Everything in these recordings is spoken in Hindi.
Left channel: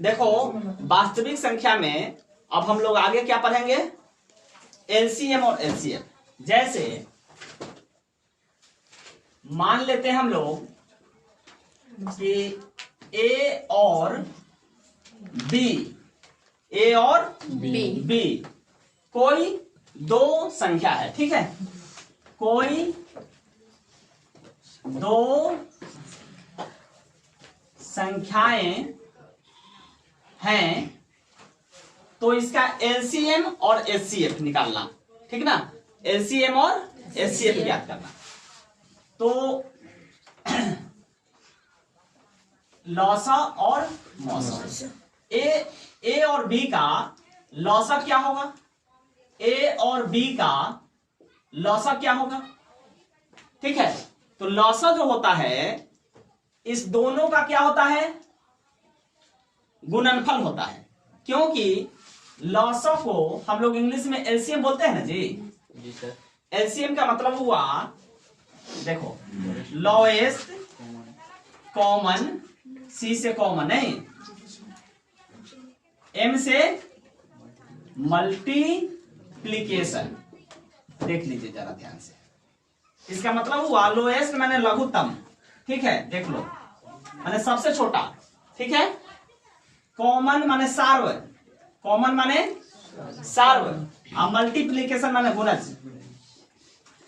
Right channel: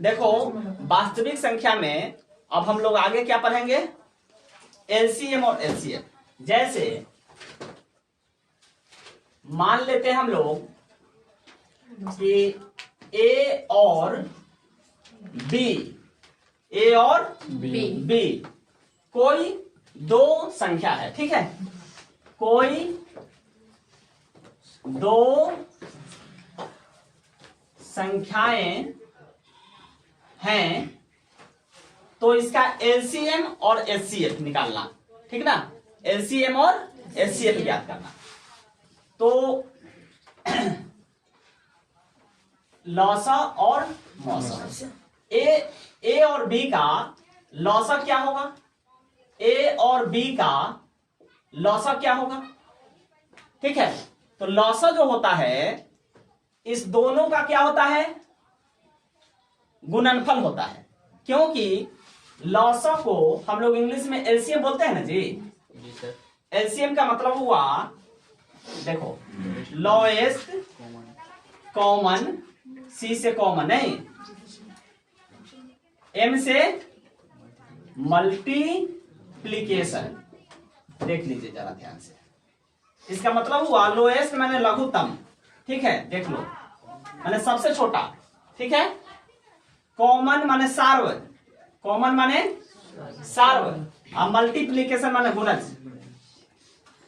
देखो वास्तविक संख्या में अब हम लोग आगे क्या पढ़ेंगे, एलसीएम और एचसीएफ। जैसे मान लेते हैं हम लोग कि ए और बी, ए और बी कोई दो संख्या है, ठीक है, कोई दो संख्याएं हैं, तो इसका एलसीएम और एचसीएफ निकालना, ठीक ना, एलसीएम और एचसीएफ ज्ञात करना। तो लॉसा और मौसा, ए और बी का लॉसा क्या होगा, ए और बी का लॉसा क्या होगा, ठीक है। तो लॉसा जो होता है इस दोनों का क्या होता है, गुणनफल होता है, क्योंकि लॉसा को हम लोग इंग्लिश में एलसीएम बोलते हैं ना जी सर। एलसीएम का मतलब हुआ, देखो, लोएस्ट कॉमन, सी से कॉमन नहीं, एम से मल्टीप्लीकेशन। देख लीजिए जरा ध्यान से, इसका मतलब हुआ लोएस्ट माने लघुत्तम, ठीक है, देख लो, माने सबसे छोटा, ठीक है। कॉमन माने सार्व, कॉमन माने सार्व, और मल्टीप्लीकेशन माने गुणज,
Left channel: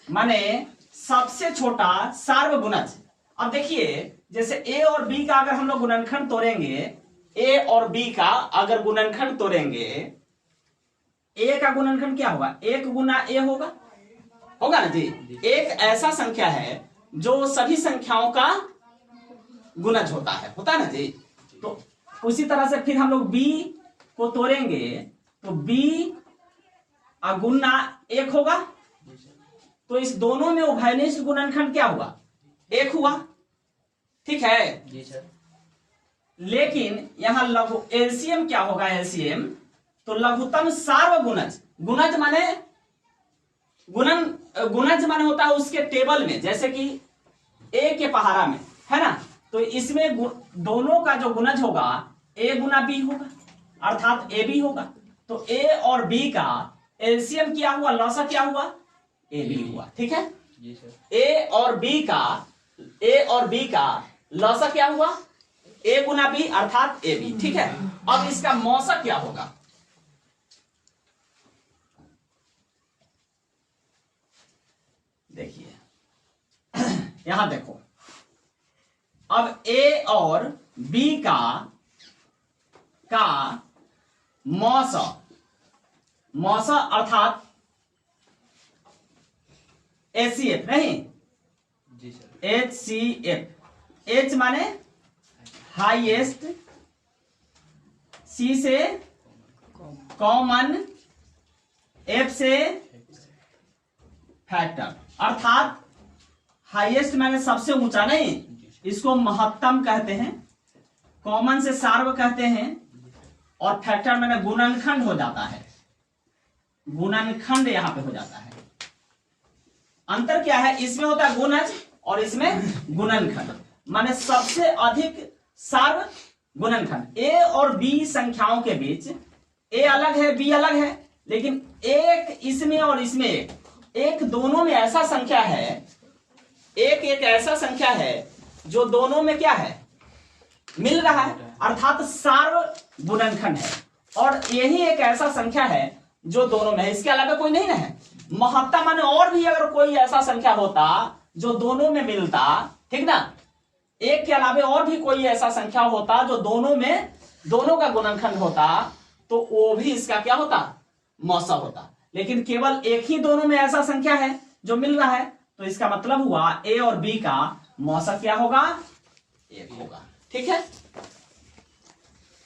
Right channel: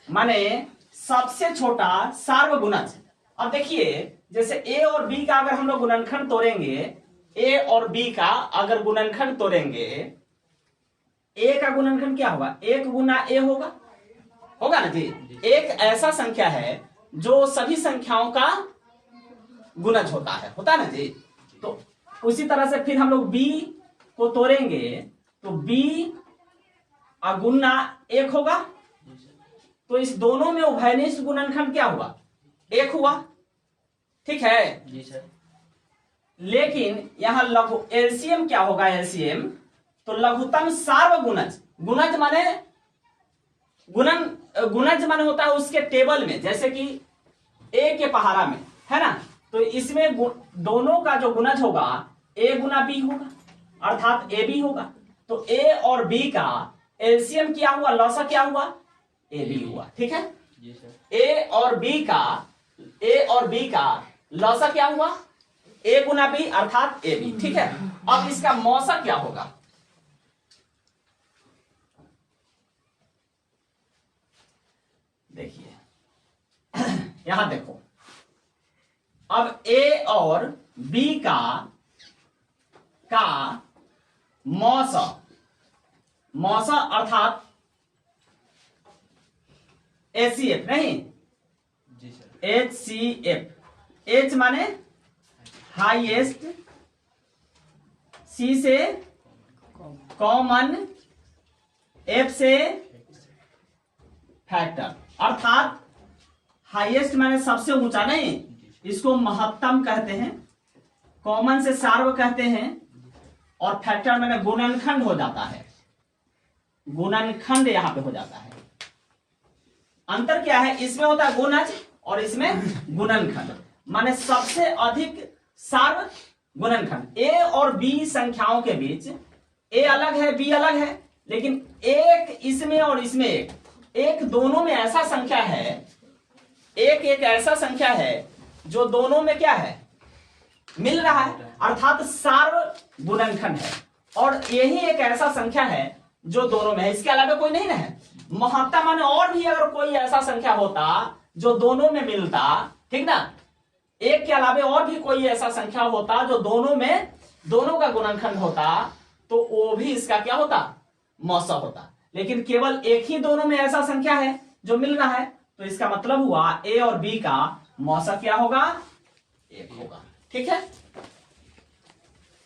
माने सबसे छोटा सार्व गुणज। अब देखिए जैसे ए और बी का अगर हम लोग गुणनखंड तोड़ेंगे, ए और बी का अगर गुणनखंड तोड़ेंगे, ए का गुणनखंड क्या होगा, एक गुना ए होगा, होगा ना जी। एक ऐसा संख्या है जो सभी संख्याओं का गुणज होता है ना जी। तो उसी तरह से फिर हम लोग बी को तोड़ेंगे तो बी गुना एक होगा, तो इस दोनों में उभयनिष्ठ गुणनखंड क्या हुआ, एक हुआ, ठीक है जी सर। लेकिन यहां लघु एलसीएम क्या होगा, एलसीएम तो लघुत्तम सार्व गुणज, गुणज माने गुणज माने होता है उसके टेबल में, जैसे कि ए के पहाड़ा में है ना, तो इसमें दोनों का जो गुणज होगा ए गुना बी होगा, अर्थात ए बी होगा। तो ए और बी का एलसीएम क्या हुआ, लॉसा क्या हुआ, ए बी हुआ, ठीक है जी सर। ए और बी का लॉसा क्या हुआ, ए गुना बी अर्थात ए बी, ठीक है। अब इसका मौसा क्या होगा, देखिए यहां देखो, अब ए और बी का मौसा अर्थात एचसीएफ नहीं जी सर, एचसीएफ, एच माने हाईएस्ट, सी से कॉमन, एफ से फैक्टर, अर्थात हाईएस्ट माने सबसे ऊंचा नहीं, इसको महत्तम कहते हैं, कॉमन से सार्व कहते हैं, और फैक्टर माने गुणनखंड हो जाता है, गुणनखंड यहां पे हो जाता है। अंतर क्या है, इसमें होता है गुणज और इसमें गुणनखंड, माने सबसे अधिक सार्व गुणनखंड। ए और बी संख्याओं के बीच ए अलग है बी अलग है, लेकिन एक इसमें और इसमें एक दोनों में ऐसा संख्या है, एक ऐसा संख्या है जो दोनों में क्या है, मिल रहा है, अर्थात सार्व गुणनखंड है। और यही एक ऐसा संख्या है जो दोनों में है, इसके अलावा कोई नहीं है। महत्ता माने और भी अगर कोई ऐसा संख्या होता जो दोनों में मिलता, ठीक ना, एक के अलावा और भी कोई ऐसा संख्या होता जो दोनों का गुणनखंड होता, तो वो भी इसका क्या होता, मौसा होता। लेकिन केवल एक ही दोनों में ऐसा संख्या है जो मिल रहा है, तो इसका मतलब हुआ ए और बी का मौसा क्या होगा, एक होगा, ठीक है।